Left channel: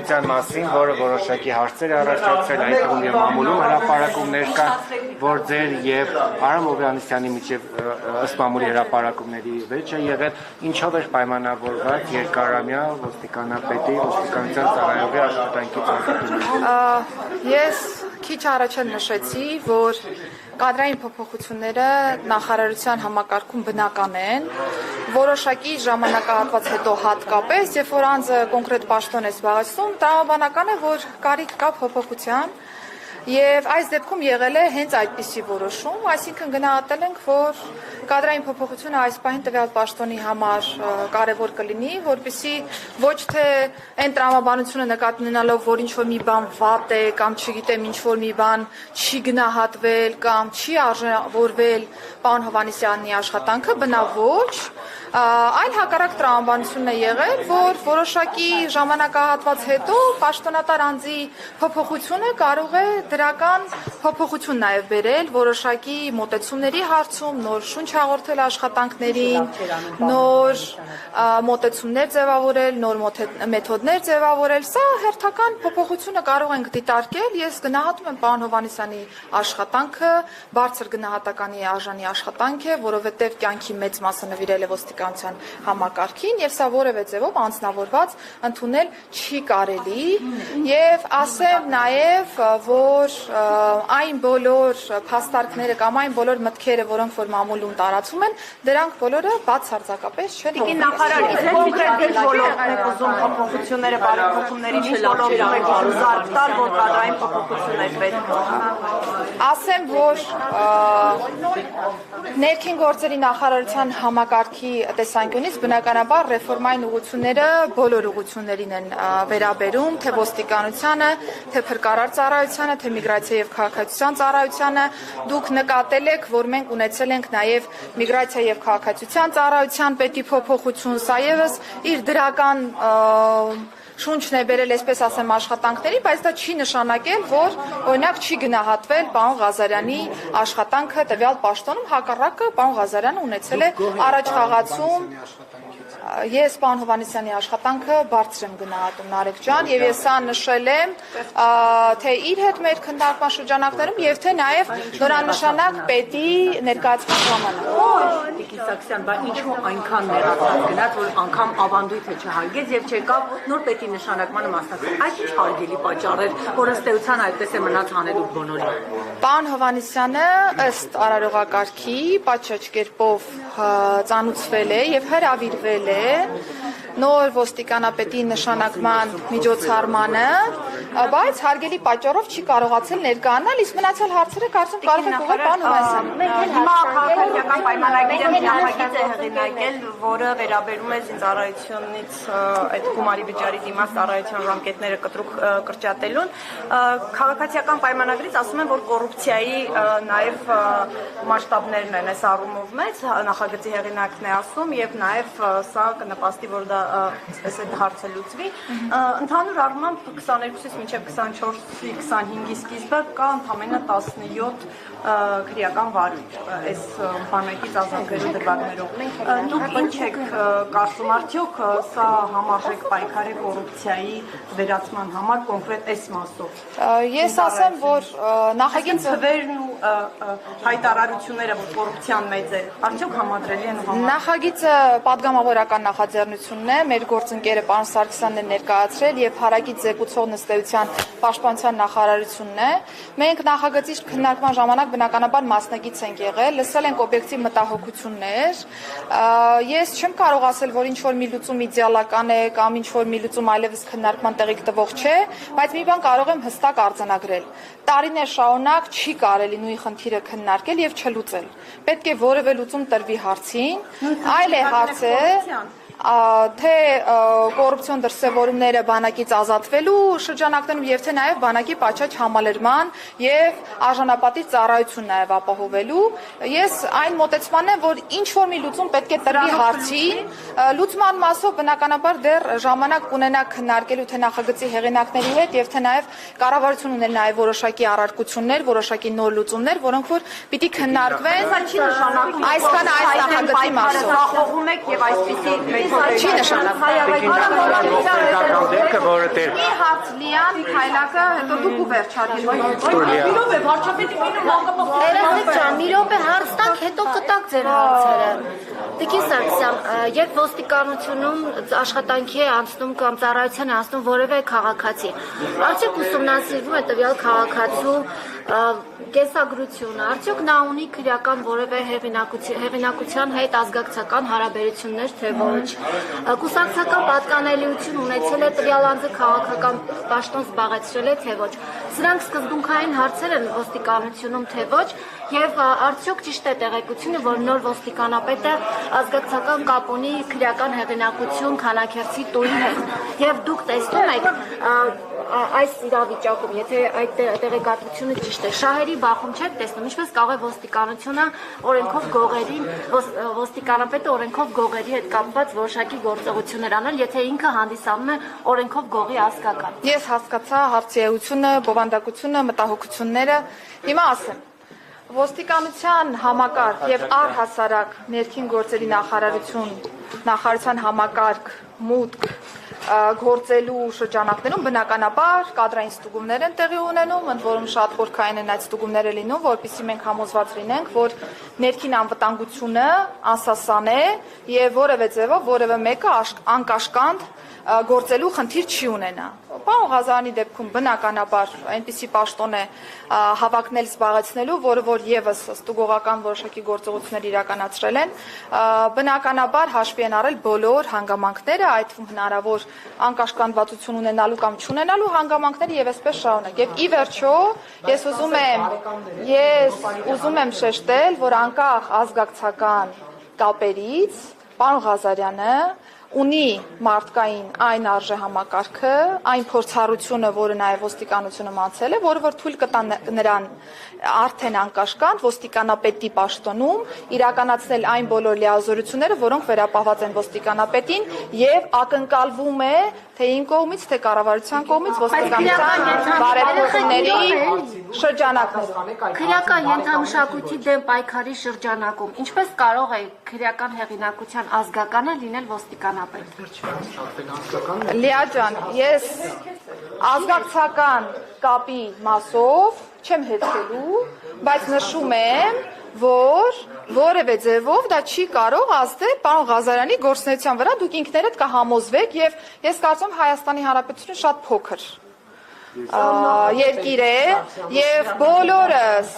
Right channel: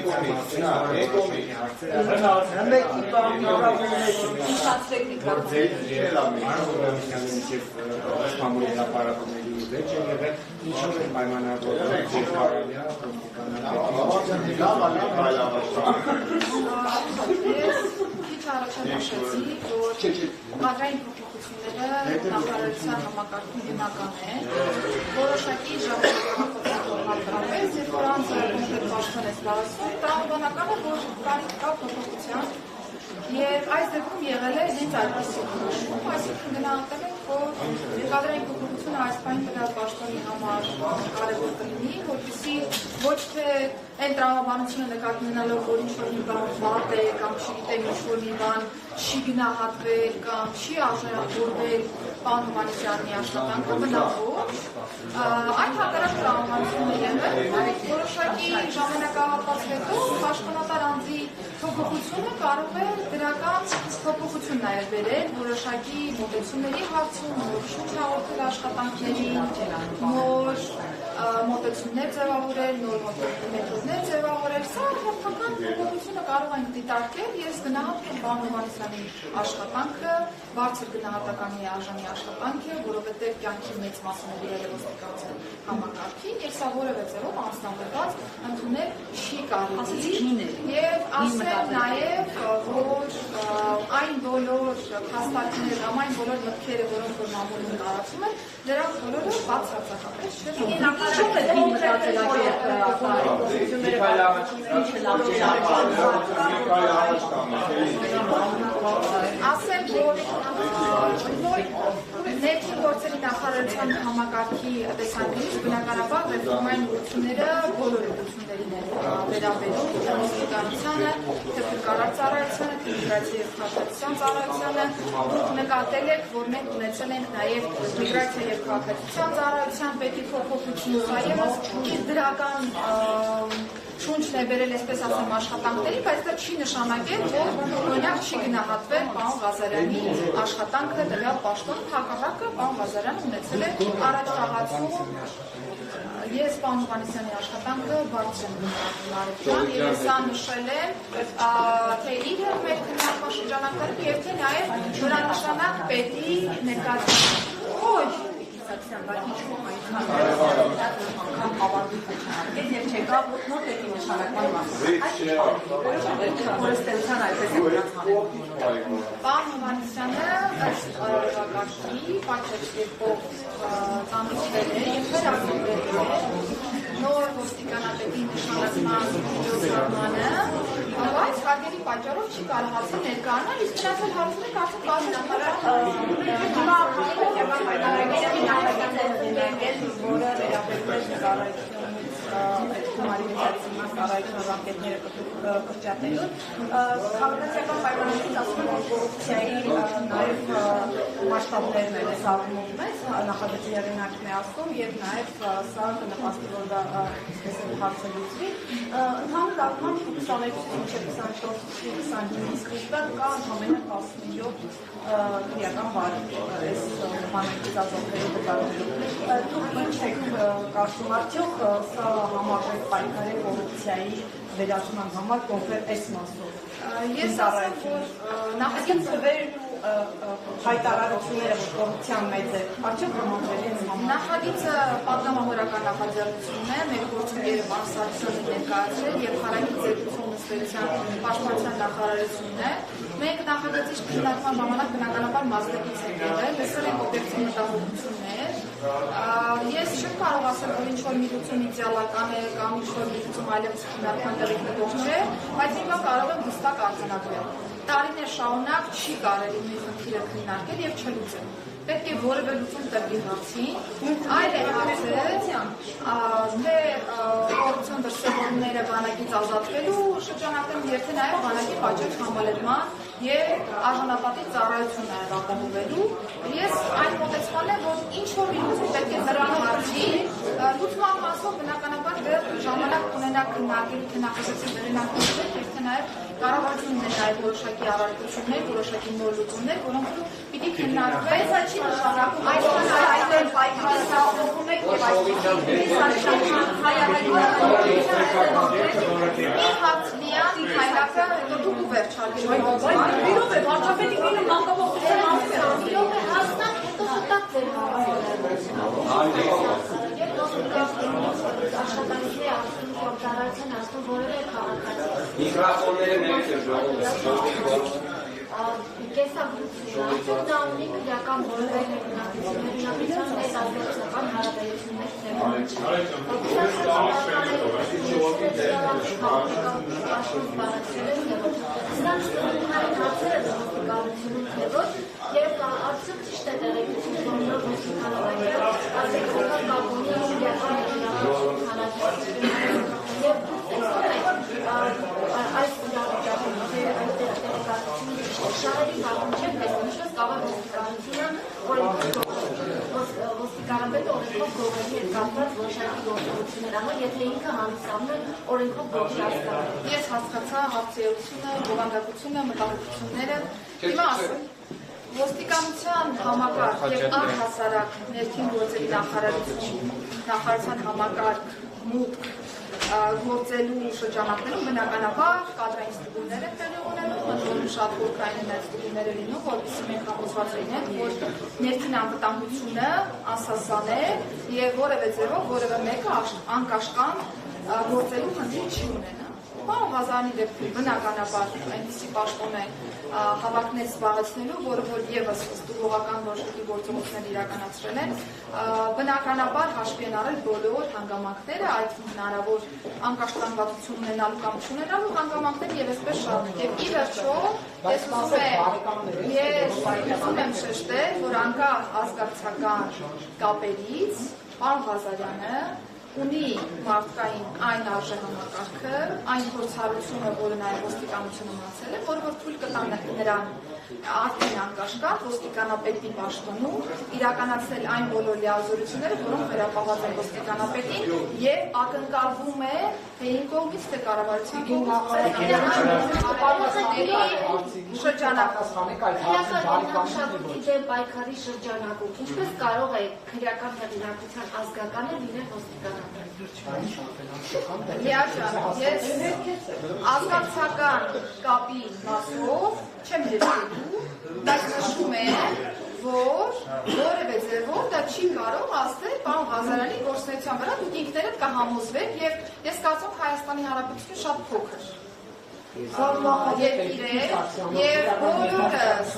փոփոխության մասին, որը որոշակի հարցեր առաջացրել այդ թվում մամուլի հրապարակումներ կան, որ ձեր եւ Արամ Հովհաննիսյանի միջև ըստ մամուլի հրապարակումների վեճ է եղել, ինչով էր պայմանավորված երկարամյա ոստիկանապետի ոստիկանության ծառայողի աշխատանքի ծառայությունը։ Ես քիչ առաջ նշեցի, որ կադրային փոփոխությունները նախարարության համակարգում բնական են, որոշակի ժամանակահատված հետո հատկապես, երբ որ անձը կոնկրետ պաշտոն է զբաղեցնում, տրամաբանական է, որ կարիք կա փոփոխության, եւ այս դեպքում եղել է հենց այդպիսի որոշում, այսինքն գնահատել ենք, որ կադրային փոփոխությունը այս պահին տվյալ պաշտոնի համար կարևոր կլինի, որպեսզի ոչ թե այն տրամաբանությունը նկատի ունենալով, որ ինչ-որ մի բան վատ է կամ չգիտեմ ինչ-որ մի բան չի գնահատվել կամ չի արժևորվել պարոն Հովհաննիսյանի աշխատանքը, բնավ ոչ, այլ հակառակ տրամաբանությունն է եղել, որ որոշակի ժամանակահատված հետո պաշտոնատար անձի փոփոխությունը կարող է դրական փոփոխություն նաև բերել որոշակի մոտեցումների հարցում, նոր շունչ հաղորդել աշխատանքներին, նոր մոտեցումներ ձևավորել, նոր մեթոդներ ձևավորել, սա հերթական փոփոխությունը կարող ենք դիտարկել, ես գնահատում եմ պարոն Հովհաննիսյանի աշխատանքը, բարձր գնահատականի արժանի աշխատանք է, որովհետև կյանքի մեծ մասը նվիրել է ոստիկանության համակարգին եւ սա որևէ ձևով անձնավորված ընդունել չի կարելի եւ ասեմ նաեւ որ այն բոլոր փաստարկները կամ այն բոլոր մտքերը, որոնք որ մամուլում տարածում են, դրանք բոլորը բացարձակապես չեն փոփոխությունները բարեփոխումների շլանջերում եք զարգտալ, որ կադրային փոփոխություններ պետք է։ Ասեմ, որ ներքին գործերի նախարարության համակարգի տեսանկյունից բնականաբար ռեֆորմային ուղղությունները բոլոր ուղղություններին են վերաբերում, թե ոստիկանությանը, թե փրկարար ծառայությանը, թե միգրացիա եւ քաղաքացիության ծառայությանը։ Դուք նկատել եք, որ մենք ունեցել ենք նաեւ միգրացիա եւ քաղաքացիության ծառայության պետի փոփոխություն, սա եւս իր դրական շունչն է բերել, այսպես ասեմ, աշխատանքների, բայց դա չի նշանակել, որ օրինակ չի գնահատվել պարոն Ղազարյանի աշխատանքը տվյալ պաշտոնում, հակառակը պարոն Ղազարյանը ունեցել է առաջխաղացում։ Ես պարոն Հովհաննիսյանի աշխատանքը բարձր եմ գնահատում, Նարեկ ջան, եւ ես սա նշել եմ թե իր հետ մեր քննարկման շրջանակներում եւ թե նաեւ նորանշանակ պետի ներկայացման ժամանակ։ Սաքսյան, բայց ինչու այնքան ներառված գնաց, որ անգամ ավանդույթը չհարգեց եւ չեկավ նոր պետի նշանակմանը մասնակցել։ Այս ինչ հարգելի պատճառ էր, որ ըստ էության այդպես է մնաց հանելուկ բոլորին։ Պարոն Հովհաննիսյանը ըստ արարողակարգի պատշաճ կերպով ծանուցվել է եւ հրավիրվել է նոր ոստիկանապետի նշանակման միջոցառմանը, բայց հարգելի պատճառով չի կարողացել ներկայանալ, իսկ մնացյալ հարցերը կարծեմ կարող են ուղղել պարոն Հովհաննիսյանին։ Հիմա քաղաքացիական պայմանագրերի նախագիծ է հեղինակել, որը վերաբերում է ծառայությունից այդ գումարի վճարի դիմաց ծառայության ժամկետները կտրուկ կրճատելուն։ Քաղաքացիական պայմանագրից ասում են, որ կոռուպցիայի նաև մասշտաբներն են այս առումով մեծ, նախագծի հեղինակն է ասում եւ նաև սա կնպաստի, որ դա այսպես է հարցը լուծվի։ Ընդհանուր առմամբ 22-ից մինչև 24-ի 25-ի սկիզբը կա ընդամենը 17 քրեական վար այս բանակից ազատվելու դեպքերով։ Դուք ինչ եք կարծում, արդյոք սա համարվեք պայքարի կոռուպցիայի վերացման համար կոնկրետ այս մասով։ Ես ասեմ, որ նախագիծը վերն ու հայտարարությունները, որ կոռուպցիան մեծ է, արդյոք համադրելի են համար։ Նախագիծը պատգամավորական նախաձեռնությունն է, մեր գործընկերը պարոն Սարգսյանն է ներկայացրել եւ հարագից զեկուցող նստեության պաշտպանության նախարարությունն է։ Մենք նախագծի քննարկման ժամանակ բնականաբար մասնակից ենք եղել, լսել ենք օբյեկտիվ մտահոգություններ։ Ես չեմ կարող ասել, որ ինչ-որ մի լուծում իդեալական է կամ ինչ-որ մի լուծում այլևս քննարկման տեղիք տվող չէ, բայց մի բան կարող եմ հստակ արձանագրել։ Տարիներ շարունակ չի կարելի նույն խնդիրը քննարկել եւ չլուծել։ Պետք է որևէ լուծում տրվի հարցին, այլ է հարցը, թե կոռուպցիոն դրսևորումները բանակից ազատվելու շրջանակներում եւ թե նաեւ բանակի պատշաճ համալրման եւ արժանապատիժ ծառայություն նաեւ ապահովելու։ Ես այն մոտեցման եմ, որ ինչ որ մի լուծում պետք է տրվի հարցին, լուծման մասով բնականաբար դեռ ժամանակ կունենա քննարկելու թե նախագծի հեղինակների հետ եւ թե նաեւ կառավարություն ունեն նաեւ որոշակի առարկություններ, որոշակի նոր լուծումներ, որոնք որ պիտի քննարկվեն։ Այսքան այս նախագծի մասով օգում եք եւ այսպեսի չի նշանակում։ Մի հատ լիան քայլակը հետո դուք ու վերջարի։ Մի րոպե հաստատ հետո կտակ ձեր հարցերը։ Տիկին Սարգսյան, երբ ոստիկանությունում աշխատանքի է անցնում կամ ծառայության է անցնում որևէ քաղաքացի, արդյոք ուսումնասիրվում է տվյալ քաղաքացու կեսագրությունը, արդյոք նա ունի քրեական որևէ հեղինակության հետ ազգակցական հարաբերություններ, թե ոչ, կուսակցական պատկանելիություն ունեցել է տվյալ անձը քաղաքական պաշտոն զբաղեցրել է, թե ոչ, սրանք սկզբունքային հարցեր են ոստիկանությունում, թե ոչ, եւ արդյոք ճիշտ է տեղեկությունը, որ նոր ոստիկանապետը ազգակցական կապ ունի քրեական հեղինակություն քանաքերցի տույն հետ, եւ դուք տեսնում եք այս իրավիճակում, եթե այդ տեղեկատվությունը ճիշտ է, շահերի բախում չեք տեսնում, ինչպես կարող է ոստիկանությունը օրենքով գողերի, ոստիկանապետը օրենքով գողերի հետ կապված որոշակի գործողություններ անել, եթե ինքը հանդիսանում է օրենքով գողի ազգական։ Ես հասկացա հարցի էությունը, բովանդակությունը, մտահոգությունները, հիմա ասեմ։ Ոստիկանության համակարգ եւ առհասարակ ներքին գործերի նախարարության համակարգ մուտք գործելու շրջանակներում բնականաբար կադրային ստուգումներ են տեղի ունենում, ընդ որում շատ խորքային են այդ ստուգումները լինում, որպեսզի մենք համոզված լինենք, որ ներքին անվտանգությունը անսասան է եւ որևէ ձևով որևէ մեկը անկաշկանդ գործելու խնդիր չի ունենա։ Պարոն Ղազարյանի դեպքում բնականաբար այնպիսի պաշտոն է հավակնել զբաղեցնելու, որը որ եւս ստուգողական որոշակի գործողություններ իրականացրել են, բնականաբար հաշվի են առել բոլոր հանգամանքները, այդ հնարավոր անկաշկանդվածություն ունենալու կամ չունենալու հանգամանքները եւ այսպես շարունակ։ Եվ ի վերջո ես ուզում եմ շեշտել, որ անկախ ազգակցական կապերից պարոն Ղազարյանը ունի մարդկային այն արժե համակարգը, այն փորձառությունը, որը նաև ոստիկանությունը մացել է, որը որ թույլ կտա նրան արդեն անկաշկանդ ոստիկանապետի պաշտոնում իրականացնել այն բոլոր լիազորությունները, որոնք վերապահված են ոստիկանապետին եւ ակնկալվում է թե ին կողմից, թե կառավարության կողմից ոստիկանության բարեփոխումների շրջանակում։ Քրեական ենթամշակույթի դեմ պայքարի շրջանակում ինչպես կարող է քրեական հեղինակության ազգականը լինել ոստիկանապետ։ Լիա ջան, ես ազգակցական կապի մասով չեմ հերքելու, բայց նշում եմ, որ որևէ ձևով դա չի կարող ազդել պարոն Ղազարյանի գործունեության վրա, դուք ինքներդ կհամոզվեք եւ ես կարծում Հայաստանի Հանրապետությունը շատ փոքր երկիր է եւ բոլորս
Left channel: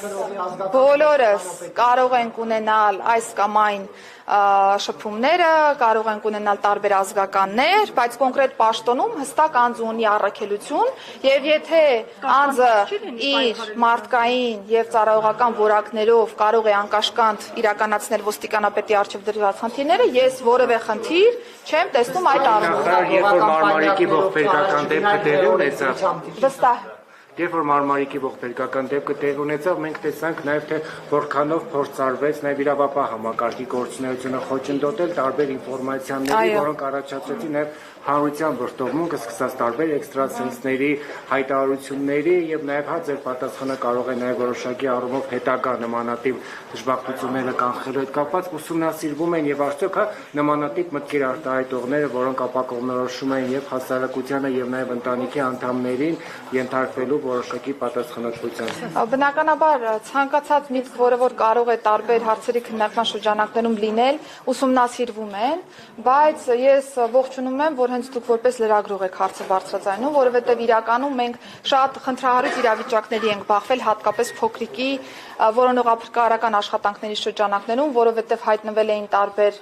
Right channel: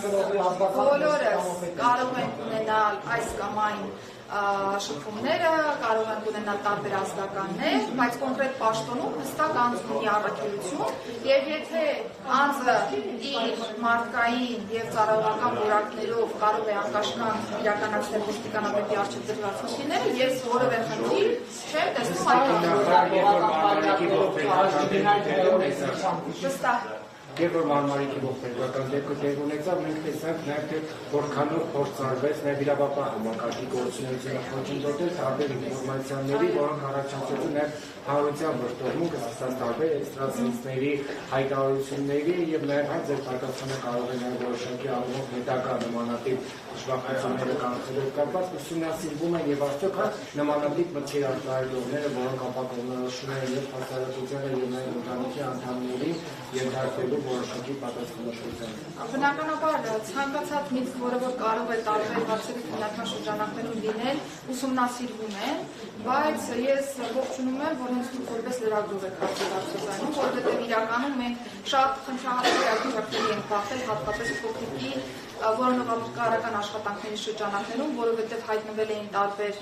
կարող ենք ունենալ այս կամ այն շփումները, կարող ենք ունենալ տարբեր ազգականներ, բայց կոնկրետ պաշտոնում հստակ անձ ունի առաքելություն եւ եթե անձը իր մարդկային եւ ծառայողական որակներով կարող է անկաշկանդ իրականացնել ոստիկանապետի առջեւ դրված խնդիրները, ես որևէ խնդիր չեմ տեսնում այդ առումով։ Երբ որ Մարմարիկի ողբերգական դեպքը տեղի ունեցավ, Վստահ երբ որ Մարմարիկի ողբերգական դեպքը տեղի ունեցավ, մենք տեսանք նաև թե որքանով փորձարվեց նաև իրավապահ համակարգի գործունեությունը խոչընդոտել տարբեր ինֆորմացիաների, որոնք առաջացրեցին նաև հանրության վրդովմունքը, սկսած տարբեր էքստրասենսների հայտարարությունների եւ նաև հա ձեր պատասխանը կարող է նաև որոշակի առումով հետագա նմանատիպ դժբախտությունները կանխելու հետ կապված ուսումնասիրվում են եւ արդյոք հա նմանատիպ մտքեր արտահայտողները, որոնք ապակողմնորոշում են եւ հասարակությանը եւ նաև ընտանիքի անդամներին ենթարկվելու որոշակի պատասխանատվության։ Բնականաբար ցանկացած միտք, որը որ կարող է տարբեր հարցերի քննարկման շրջանակներում լինել, ուսումնասիրվում են, բայց ես ողջունում եմ, որ հենց դուք որպես լրագրող եք հարցը բարձրացնում, որովհետև իրականում մենք շատ խնդրահարույց իրավիճակների ենք բախվել, հատկապես փոքրիկի որոնողափրկարարական աշխատանքների շրջանակներում, որովհետև հայտնվել էին տարբեր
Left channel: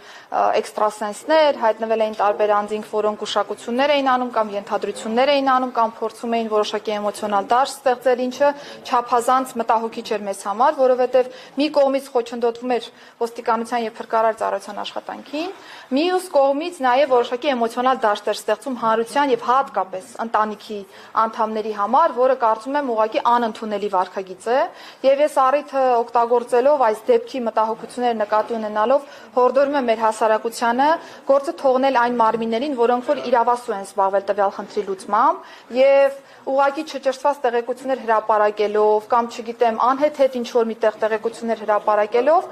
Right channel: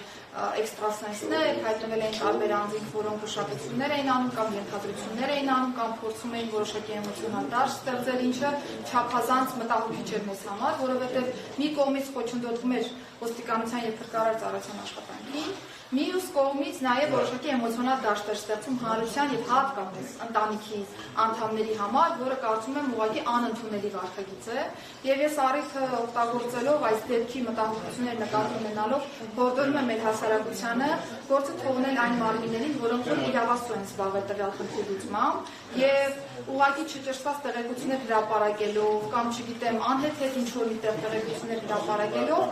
էքստրասենսներ, հայտնվել էին տարբեր անձինք, որոնք ուշակություններ էին անում կամ ենթադրություններ էին անում կամ փորձում էին որոշակի էմոցիոնալ դաշտ ստեղծել, ինչը չափազանց մտահոգիչ էր մեզ համար, որովհետև մի կողմից խոչընդոտվում էր ոստիկանության եւ փրկարար ծառայության աշխատանքին, մյուս կողմից նաև որոշակի էմոցիոնալ դաշտ էր ստեղծում հանրության եւ հատկապես ընտանիքի անդամների համար, համար, որը կարծում եմ ուղղակի անընդունելի վարքագիծ է, եւ ես առիթը օգտագործելով այս դեպքի մտահոգությունները նկատի ունենալով հորդորում եմ մեր հասարակությանը գործը թողնել այն մարմիններին, որոնք որ իրավասու են զբաղվել տվյալ խնդրի լուծմամբ եւ ուղղակի չճշտված տեղեկություններ հրապարակելով կամ չգիտեմ անհետ ինչ-որ միտեղ տեղեկություններ հրապարակելով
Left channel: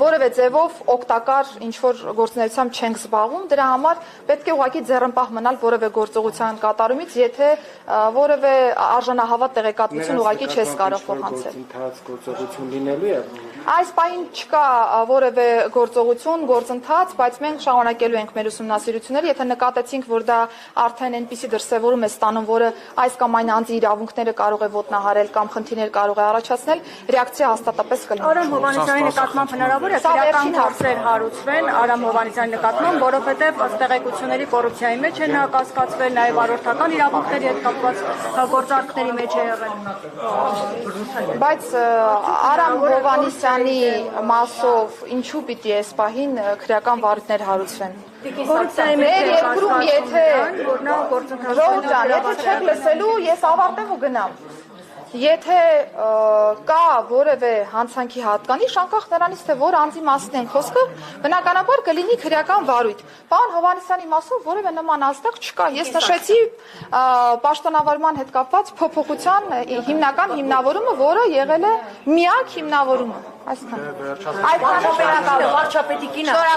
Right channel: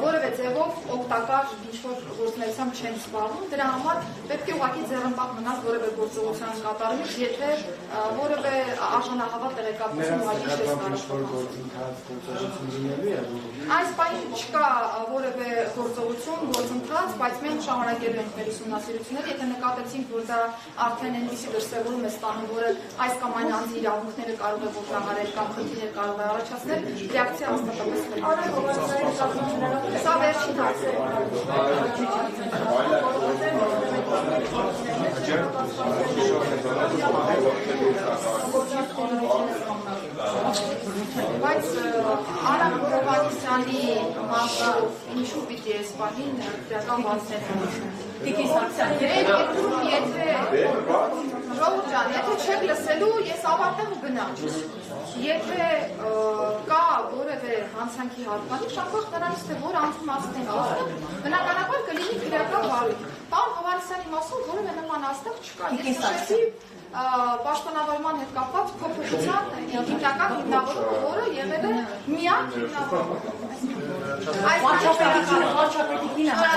որևէ ձևով օգտակար ինչ-որ գործունեությամբ չենք զբաղվում, դրա համար պետք է ուղղակի ձեռնպահ մնալ որևէ գործողության կատարումից, եթե որևէ արժանահավատ տեղեկատվություն ուղղակի չես կարող փոխանցել։ Գործողություն լինելու է։ Այս պահին չկա որևէ գործընթաց, բայց մենք շարունակելու ենք մեր ուսումնասիրությունները, եթե նկատեցինք, որ դա արդեն այնպիսի դրսևորում է ստանում, որը այս կամ այն անձի իրավունքները կարող է ոտնահարել կամ խնդիրներ կարող է առաջացնել, ռեակցիա հաստատապես կլինի։ Արամ Հովհաննիսյանի նկատմամբ հնարավոր է քրեական հարցեր հարուցվել Արամ Հովհաննիսյանի նկատմամբ, որովհետև տեղեկությունների կոռուպցիայի մեջ են կասկածվել, նաև արարողական իրավունքների հետ կապված գործարքների մեջ է եղել։ Բայց Արամ Հովհաննիսյանի մասով ինչու պիտի այս պահին քրեական վարույթներ հարուցվեն։ Մեր երկրում եթե չեք լսելու, ես ավարտեմ ու գնամ։ Եթե կա որևէ հանցանքի հատկանիշ, անկախ նրանից թե որ անձի մասին է խոսքը, բնականաբար կլինի քրեական վարույթ։ Պարոն Հովհաննիսյանի մասով որևէ նման ազդակ չկա։ Ես նշեցի պաշտոնավարման հետ կապված փոփոխության հիմնական հիմնավորումը, որը եղել է միակ հիմնավորումը։ Այսքան վարչապետի կինը այս